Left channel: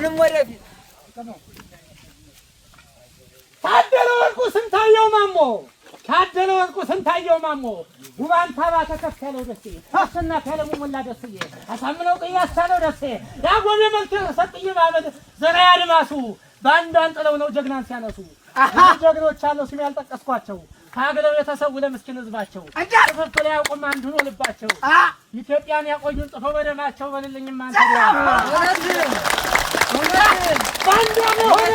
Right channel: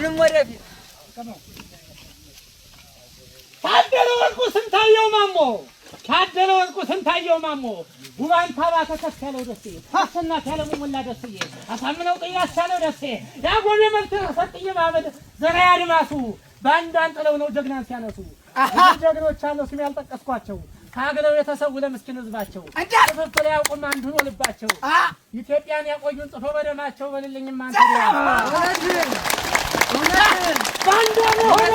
አሁንም ወደፊት ታደለ ወርቁ ስንታየው ማሞ ታደለ ወርቁ ስንታየው ማሞ ጉባን ታባ ተከፈለው ደሴ አሰናፍ ያለሙ ሞላ ደስዬ አሳምነው ቅያሳ ነው ደሴ ያጎብ የመልክ ሰጥዬ ማመድ ዘራ ያድማሱ ባንዳን ጥለው ነው ጀግናን ሲያነሱ ጀግኖች አለው ስም ያልጠቀስኳቸው ካገለው የተሰው ለምስኪን ህዝባቸው ፍፍል ያውቁም አንዱ ነው ልባቸው ኢትዮጵያን ያቆዩን ጽፈው በደማቸው በልልኝም አንተ ባንዳሞ ሆነ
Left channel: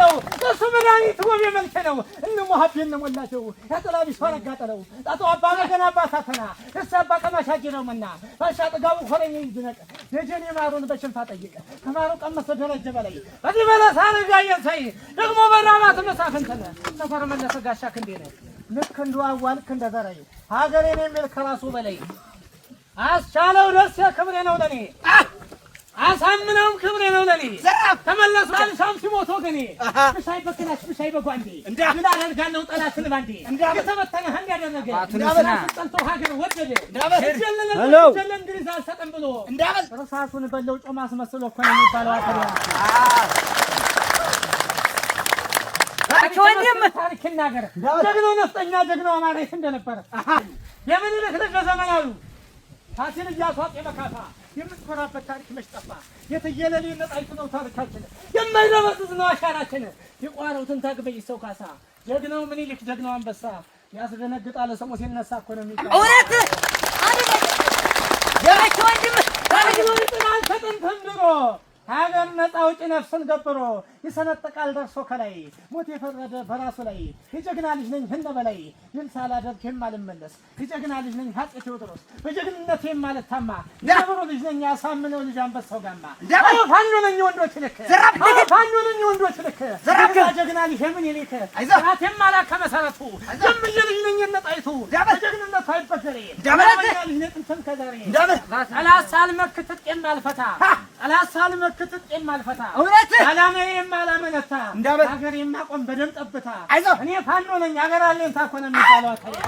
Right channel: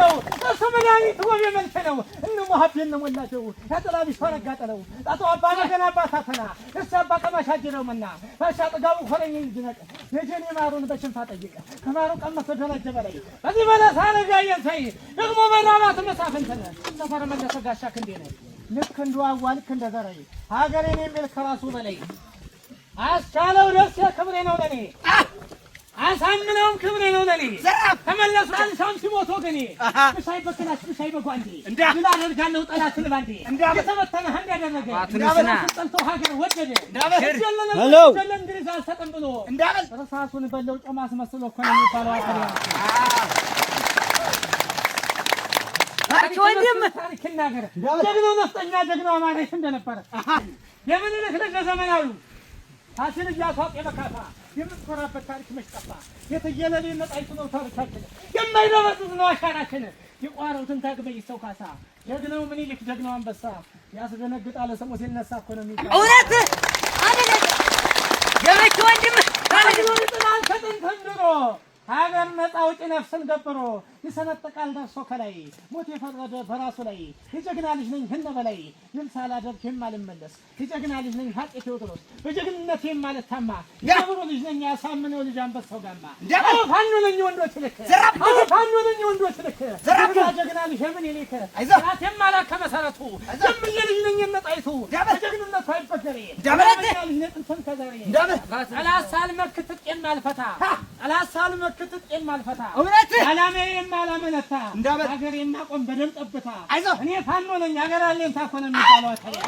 ነው ተሰመዳኒት ወብ የመልከ ነው እነ ሙሐቢን ነሞላቸው ያጠላቢ ፈረጋጠለው ጣጣ አባ መገና አባታተና እሳባ ከማሻጅረው መና ባሻ ጥጋቡ ሆነኝ ይድነቅ የጀኔ ማሩን በሽንፋ ጠይቀ ከማሩ ቀመሰ ደረጀ በላይ በዚህ በለሳ ረጋየን ሳይ ደግሞ በራባት መሳፈንተነ ሰፈር መለሰ ጋሻ ክንዴ ነው ልክ እንደዋዋል ክንደ ዘራይ ሀገሬን የሚል ከራሱ በላይ አስቻለው ደስ ክብሬ ነው ለኔ አሳምነውም ክብሬ ነው ለኔ ተመለሱ አልሻም ሲሞት ወገኔ ብሻይ በከናች ብሻይ በጓንዴ ምን አደርጋለሁ ጠላትን ባንዴ የተበተነ ህንድ ያደረገ እንዳበላሽ ጠልቶ ሀገር ወደደ እንደለ እንግሊዝ አልሰጠም ብሎ ራሳሱን በለው ጮማ አስመስሎ እኮ ነው የሚባለው አተሪያ ታሪክ ይናገር ጀግናው ነፍጠኛ ጀግናው አማራሽ እንደነበረ የምን ልክ ለዘመናዊ ታሲል ያሷቅ የመካታ የምትኮራበት ታሪክ መሽጠፋ የተየለለ ነጣይት ነው ታሪካችን የማይለበስ ነው አሻራችን ይቋሩትን ታግበይ ሰው ካሳ ጀግናው ምን ይልክ ጀግናው አንበሳ ያስደነግጣል ሰሞ ሲነሳ እኮ ነው የሚቀር እውነት የመች ወንድም ታሪኩን ጥላል ተጠንተምሮ ሀገር ነፃ አውጪ ነፍስን ገብሮ ይሰነጥቃል ደርሶ ከላይ ሞት የፈረደ በራሱ ላይ የጀግና ልጅ ነኝ ህነ በላይ ይል ሳላደርግ የማልመለስ የጀግና ልጅ ነኝ አፄ ቴዎድሮስ በጀግንነት የማልታማ የብሩ ልጅ ነኝ ያሳምነው ልጅ አንበሳው ጋማ ፋኖ ነኝ ወንዶች ልክ ፋኖ ነኝ ወንዶች ልክ ጀግና ልጅ ምን ይልክ ራት የማላከ መሰረቱ ጀምየ ልጅ ነኝ ነጣይቱ በጀግንነቱ አይበገሬ ጀግና ልጅ ነኝ ጥንት ከዛሬ ጠላሳል መክተት የማልፈታ ጠላሳል መክተት የማልፈታ እውነት አላማዬ የማላመነታ ሀገር የማቆም በደም ጠብታ እኔ ፋኖ ነኝ ሀገር አለኝ ታኮነ የሚባለው አታሪያ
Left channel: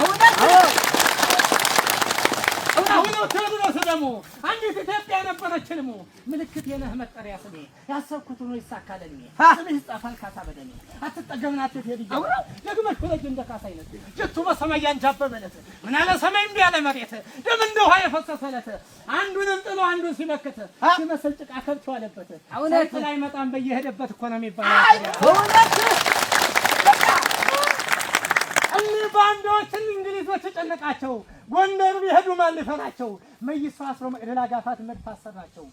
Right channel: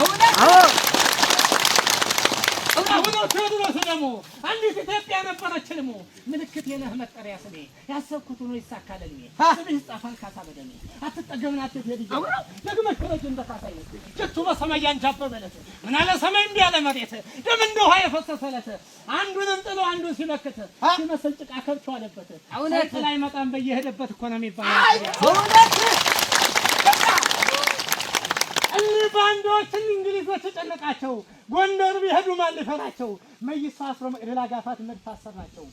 አሁን ቴዎድሮስ ደግሞ አንዲት ኢትዮጵያ ነበረች ልሙ ምልክት የነህ መጠሪያ ስሜ ያሰብኩት ነው ይሳካልኝ ስሜ ይጻፋል ካሳ በደሜ አትጠገምናት ቴዲጆ ደግመህ ክለጅ እንደካሳይነት ጀቱ በሰማይ ያንጃበበለት ምን አለ ሰማይ እንዲህ ያለ መሬት ደም እንደ ውሃ የፈሰሰለት አንዱንም ጥሎ አንዱን ሲመክት ሲመስል ጭቃ ከብቸው አለበት እውነት ላይ መጣም በየሄደበት እኮ ነው የሚባለው እውነት ባንዶችን እንግሊዞች ተጨነቃቸው ጎንደር ቢሄዱ ማን ሊፈራቸው መይሳ አስሮ መቅደላ ጋፋት መድፋሰራቸው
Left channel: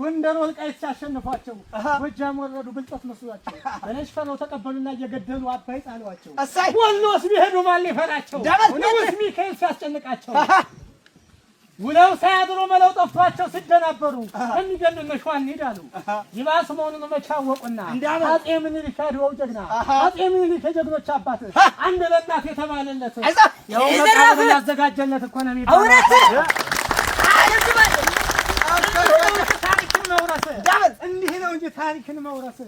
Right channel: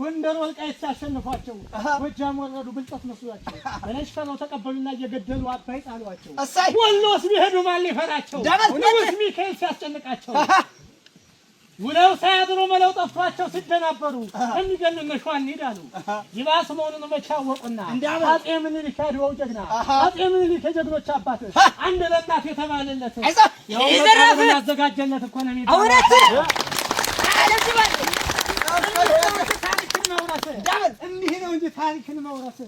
ጎንደር ወልቃይት ሲያሸንፏቸው ጎጃም ወረዱ ብልጠት መስሏቸው በለሽፈረው ተቀበሉና እየገደሉ አባይ ጣሏቸው ወሎስ ቢሄዱ ማን ሊፈራቸው ንጉስ ሚካኤል ሲያስጨንቃቸው ውለው ሳያድሩ መለው ጠፍቷቸው ሲደናበሩ የሚገሉን ሸዋን ይዳሉ ይባስ መሆኑን መቻወቁና አጼ ምኒልክ ያድዋው ጀግና አጼ ምኒልክ የጀግኖች አባት አንድ ለጣፍ የተባለለት ያው መቃብር ያዘጋጀለት እኮ ነው የሚባለው ታሪክን መውረስ እንዲህ ነው እንጂ ታሪክን መውረስ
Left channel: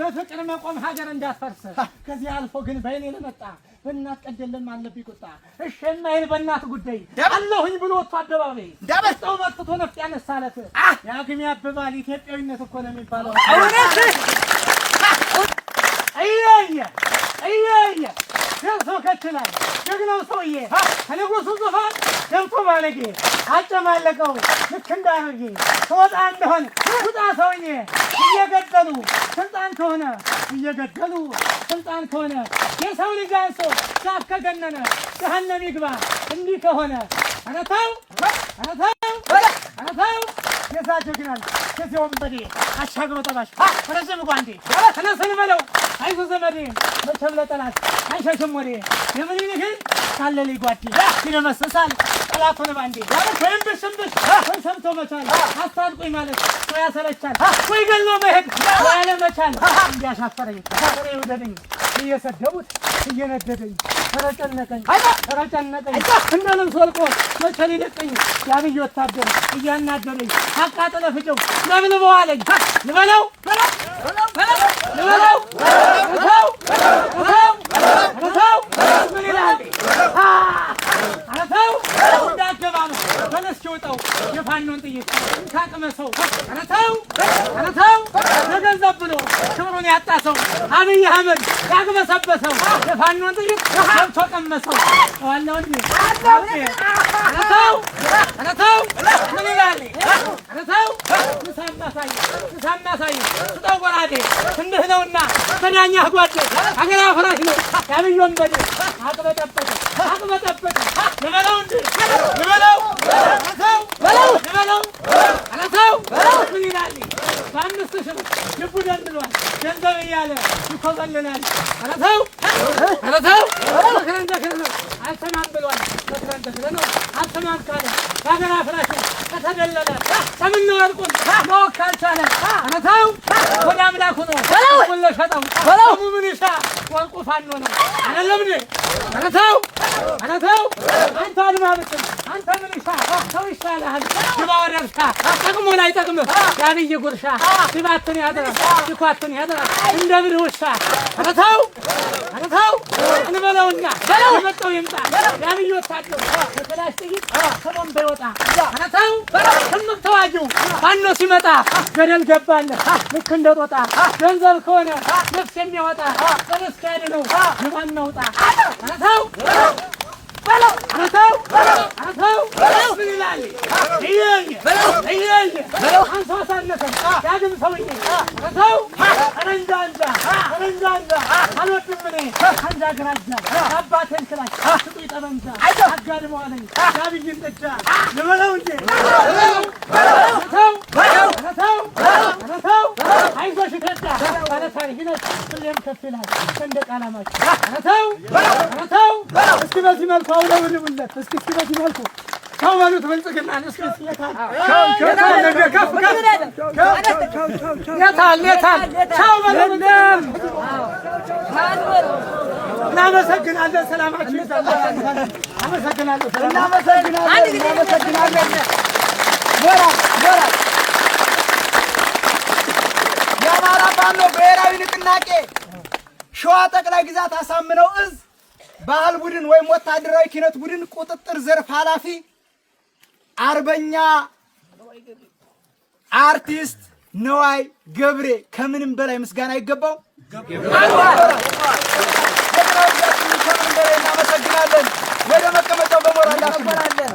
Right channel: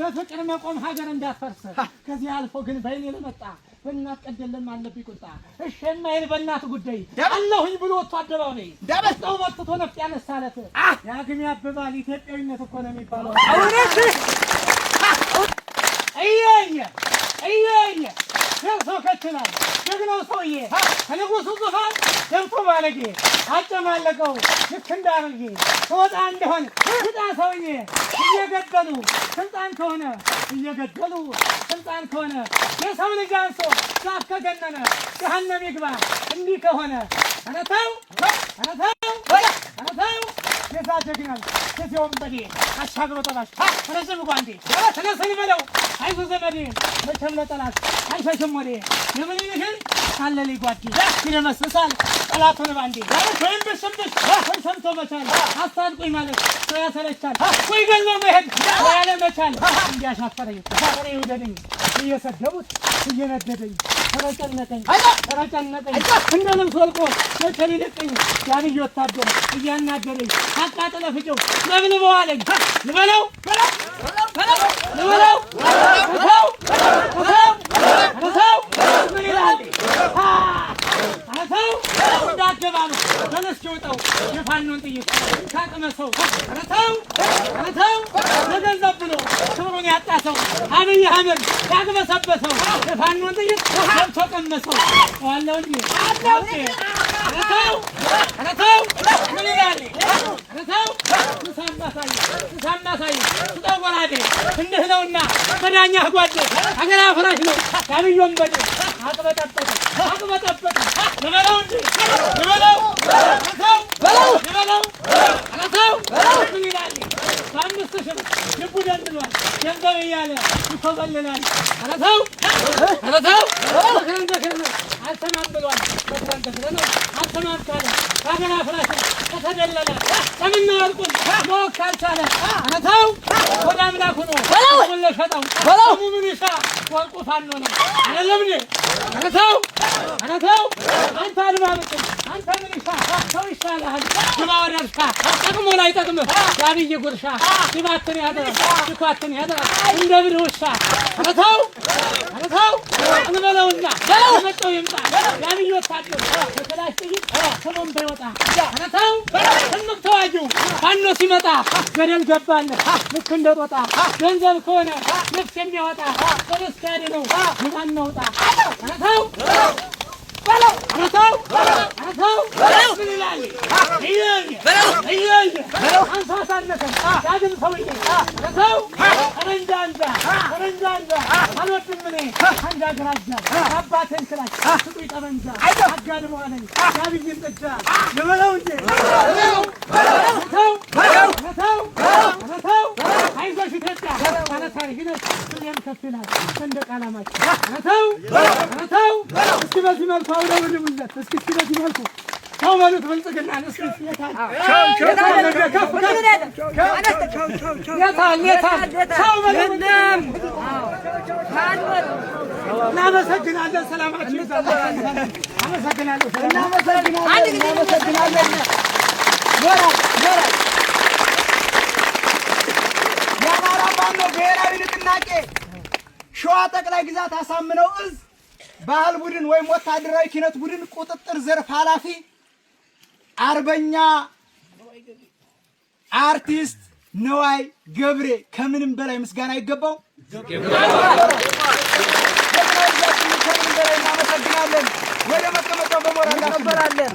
በፍቅር መቆም ሀገር እንዳትፈርስ ከዚህ አልፎ ግን በእኔ ለመጣ በእናት ቀደለም አለብኝ ቁጣ እሺ የማይል በእናት ጉዳይ አለሁኝ ብሎ ወጥቶ አደባባይ ዳበስተው መጥቶ ነፍጥ ያነሳለት ያግም ያበባል ኢትዮጵያዊነት እኮ ነው የሚባለው አየየ ሰው ከትላል ጀግናው ሰውዬ ከንጉሱ ዙፋን ገብቶ ባለጌ አጨማለቀው ልክ እንዳረጌ ተወጣ እንደሆነ ውጣ ሰውዬ እየገደሉ ስልጣን ከሆነ እየገደሉ ስልጣን ከሆነ የሰው ልጅ አንሶ ዛፍ ከገነነ ገሃነም ይግባ እንዲህ ከሆነ ኧረ ተው የዛ ጀግናል ከዚህ ወንበዴ አሻግሮ ጠባሽ ረዘም ጓንዴ ተነስን በለው አይዞ ዘመዴ መቼም ለጠላት አይሸሽም ወዴ የምኒልክን ካለልኝ ጓዴ ይደመስሳል ጠላቱን ባንዴ ወይም ብሽምብሽ ወይ ሰምቶ መቻል አስታጥቁኝ ማለት ሰው ያሰለቻል ወይ ገሎ መሄድ ወይ አለመቻል እንዲያሻፈረኝ ፈሬ ውደደኝ እየሰደቡት እየነደደኝ ተረጨነቀኝ እንደ ልብስ ወልቆ መቼ ሊለቀኝ ያብይ ወታደር እያናደረኝ አቃጥለ ፍጨው ለብልበው አለኝ ልበለው ምን ይላል አረተው እንዳገባ ነው ተነስቼ ወጣው የፋኖን ጥይት ካቅመሰው አረተው ለገንዘብ ብሎ ክብሩን ያጣ ሰው አብይ አህመድ ያግበሰበሰው የፋኖን ጥይት ገብቶ ቀመሰው ዋለው እንጂ አረተው ምን ይላል አረተው ሳናሳይ ስጠው ጎራዴ እንዲህ ነውና ተዳኛ ጓዴ አገር አፍራሽ ነው ያብይ ወንበዴ አቅበጠበጠ ልበለው እንጂ ልበለው አረተው ምን ይላል በአምስት ሺህ ልቡ ደንድሏል ገንዘብ እያለ ይኮበልላል አረተው አልሰማም ብሏል በክረንተክረ ነው አልሰማም ካለ በሀገር አፍራሽ ከተደለለ ሰምና ወርቁን ማወቅ ካልቻለ አረተው ወደ አምላኩ ነው ሁሉ ሸጠው ሰሙ ምን ይሻ ወርቁ ፋኖ ነው አይደለም አረተው አንተ አልማምጥም አንተ ምን ይሻ ሰው ይሻልሃል ግባ ወደ እርሻ ጠቅሞ ላይ ጠቅምህ የአብይ ጉርሻ ሲባትን ያድራል ሲኳትን ያድራል እንደ ብልህ ውሻ አረተው እንበለውና የመጣው ይምጣ የአብይ ወታደር በተላሽ ጥይት ከቦምብ ይወጣ አረተው ስምቅ ተዋጊው ፋኖ ሲመጣ ገደል ገባለት ልክ እንደ ጦጣ ገንዘብ ከሆነ ነፍስ የሚያወጣ በርስክ ያድነው ግባን ነውጣ አረተው ምን ይላል አንተው ሳነሰም ዳግም ሰውዬ አረተው ረንጃንጃ አልወድም እኔ አንጃ ግራጃ አባቴን ክላሽ ስጡኝ ጠመንጃ አጋድመዋለኝ የአብይን ጥጃ ልበለው እንጂ አረተው አይዞሽ ኢትዮጵያ ባለታሪክነሽ ሁሌም ከፍ ይላል ሰንደቅ ዓላማችን አረተው እስኪ በዚህ መልኩ አውለብልቡለት እስኪ በዚህ መልኩ ቻው በሉት ብልጽግናን እስኪ የታል ቻው በሉት እናመሰግናለን ሰላማችን እናመሰግናለን የአማራ ፋኖ ብሔራዊ ንቅናቄ ሸዋ ጠቅላይ ግዛት አሳምነው እዝ ባህል ቡድን ወይም ወታደራዊ ኪነት ቡድን ቁጥጥር ዘርፍ ኃላፊ አርበኛ አርቲስት ነዋይ ገብሬ ከምንም በላይ ምስጋና ይገባው። እናመሰግናለን። ወደ መቀመጫው በሞራል እናከብራለን።